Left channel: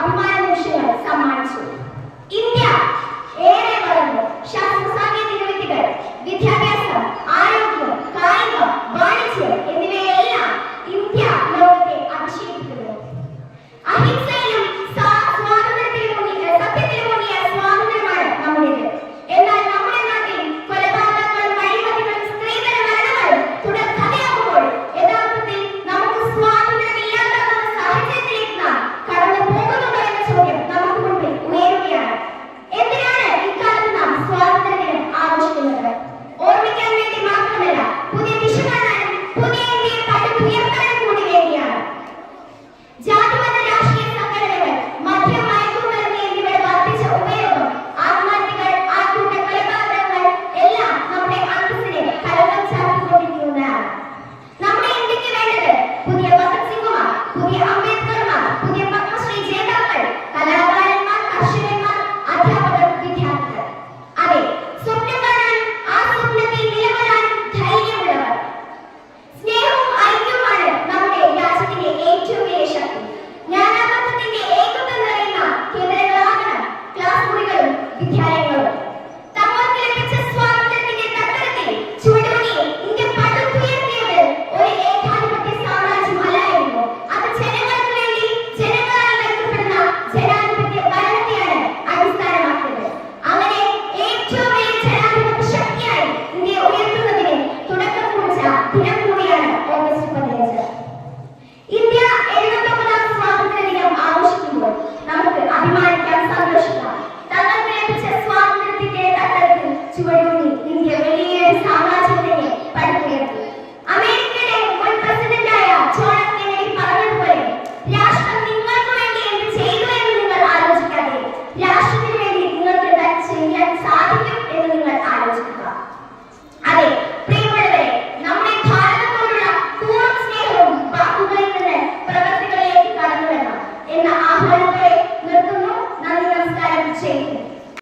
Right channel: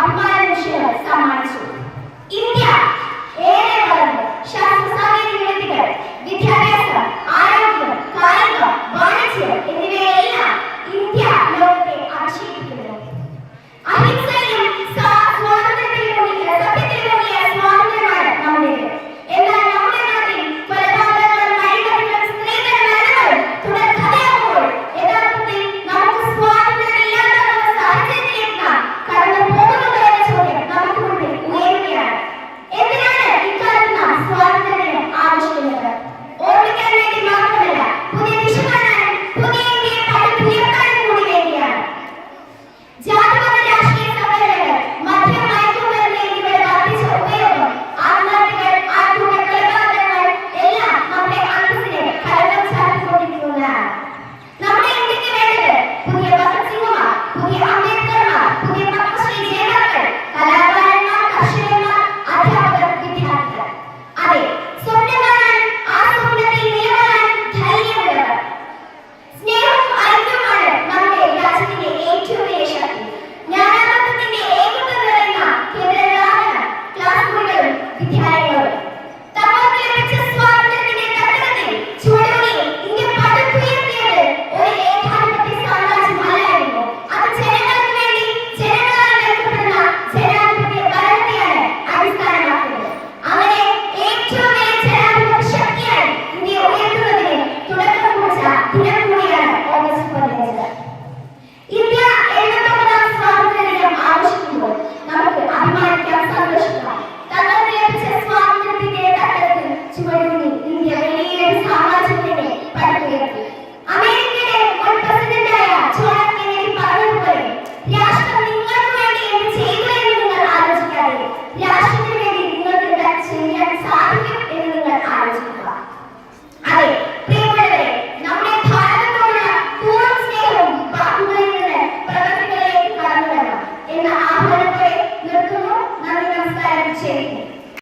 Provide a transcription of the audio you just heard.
അഭിമാന നിമിഷങ്ങൾ സമ്മാനിച്ചു. ഇന്ത്യ ഏറെ വളർന്നു. ശാസ്ത്ര സാങ്കേതിക വിദ്യകൾ, വിദ്യാഭ്യാസം, ആരോഗ്യം, കായികം, വാണിജ്യം എന്നിവയെല്ലാം ഇന്ത്യ ലോകത്തെ അഭിഷേകിക്കുന്നു. അഹിംസയിലും സ്വാതന്ത്ര്യത്തിലൂന്നിയ സ്വാതന്ത്ര്യമാണ് നമ്മുടേത്. എന്നാൽ നമ്മുടെ നാട്ടിൽ കൊലപാതകങ്ങളും അഴിമതികളും സ്ത്രീധന മരണങ്ങളും തുടർക്കഥയാകുമ്പോൾ യഥാർത്ഥത്തിൽ നമുക്ക് സ്വാതന്ത്ര്യമില്ലാതാകുന്ന സാഹചര്യത്തിലേക്ക് നാം കടന്നു പോകുന്നുണ്ടോ എന്ന ചോദ്യം നമുക്ക് മുന്നിൽ ഉയരുകയാണ്. എന്തിനാണ് ഇക്കാലത്ത് നാം സ്വാതന്ത്ര്യം ആഘോഷിക്കുന്നത്? ഓർമ്മിക്കാൻ വേണ്ടി മാത്രമല്ല, പുതിയ ദിശ കാണാനും പുതിയ ഇന്ത്യയെ പടുത്തുയർത്താനും കൂടി വേണ്ടിയാണ്. ജാതിമത രാഷ്ട്രീയ സംഘടനകൾ, മദ്യം, മയക്കുമരുന്ന് എന്നിവയുടെ വർദ്ധിച്ച ഉപയോഗം, ആത്മഹത്യകൾ, ആൾക്കൂട്ട കൊലപാതകങ്ങൾ എല്ലാം നമ്മുടെ അന്തസ്സിനെ കലക്കം ചാർത്തിക്കൊണ്ടിരിക്കുന്നതാണ്. നമ്മുടെ ഇന്ത്യക്ക് വേണ്ടത് പുതിയ ഭഗത് സിംഗുമാർ, പുതിയ അംബേദ്കർമാർ, പുതിയ പത്മശ്രീ ജേതാക്കൾ, കലാകാരന്മാർ, കർഷകന്മാർ, അധ്യാപകർ, വിദ്യാർത്ഥികൾ. അതെ, സ്വപ്നം കാണാൻ, ആ സ്വപ്നത്തിൽ നിലകൊള്ളാൻ ധൈര്യമുള്ളവർ. സ്നേഹവും ഐക്യവുമാണ് നമ്മുടെ രാജ്യത്തിന്റെ ഏറ്റവും വലിയ ശക്തി. ജ്ഞാനാനന്ദത്തിന്റെ ഏകത്വം നിറയുന്ന കേന്ദ്രങ്ങളാണ് ക്ലാസ് മുറികളും വിദ്യാലയങ്ങളും. തങ്ങൾക്ക് ലഭിച്ച സ്വാതന്ത്ര്യത്തിന്റെ തട്ടകത്തിൽ ചുവടുവെച്ച് ഇന്ത്യ പടുത്തുയർത്തിയത് ഒരു ഏകാധിപത്യ സാമ്രാജ്യമല്ലായിരുന്നു. അത് ജനങ്ങൾക്ക് വേണ്ടി ജനങ്ങളാൽ നയിക്കപ്പെടുന്ന ജനാധിപത്യ ഭരണത്തെയാണ് അടിസ്ഥാനമാക്കിയത്. അങ്ങനെ ഏറ്റവും വലിയ ജനാധിപത്യ ശക്തിയായി ഇന്ത്യ ഉയർത്തുന്നതിന് തുടക്കം കുറിച്ച ദിനം കൂടിയാണ് ഓഗസ്റ്റ് 15. ഇന്ത്യ 79ാം സ്വാതന്ത്ര്യ ദിനം ആഘോഷിക്കുമ്പോൾ നമുക്ക് അഭിമാനിക്കാം, സന്തോഷിക്കാം. തങ്ങൾക്ക് ലഭിച്ച സ്വാതന്ത്ര്യത്തിന്റെ തട്ടത്തിൽ ചുവടുകൂടി ഇന്ത്യ വലിയൊരു സാമ്രാജ്യത്തിനെ പടുത്തുയർത്തി. അമേരിക്കയുടെ മുൻ പ്രസിഡന്റായ ജോൺ എഫ് കെന്നഡി പറഞ്ഞതുപോലെ, രാഷ്ട്രം നിങ്ങൾക്ക് വേണ്ടി എന്ത് ചെയ്തു എന്ന് നിങ്ങൾ ആലോചിക്കാതെ രാഷ്ട്രത്തിന് വേണ്ടി നിങ്ങൾക്ക് എന്താ ചെയ്യാൻ സാധിക്കും എന്ന് നിങ്ങൾ ആലോചിക്കുക. അതെ പ്രിയമുള്ളവരെ, നമ്മുടെ ഭാരതത്തോടുള്ള പൂർണ്ണ സ്നേഹവും വാക്കുകളിൽ നിന്ന് പ്രവൃത്തികളിലേക്ക് കടന്നു വരണം എന്ന ആഹ്വാനത്തോടെ നിർത്തുന്നു. നന്ദി, നമസ്കാരം, ചെയ്യുന്നു.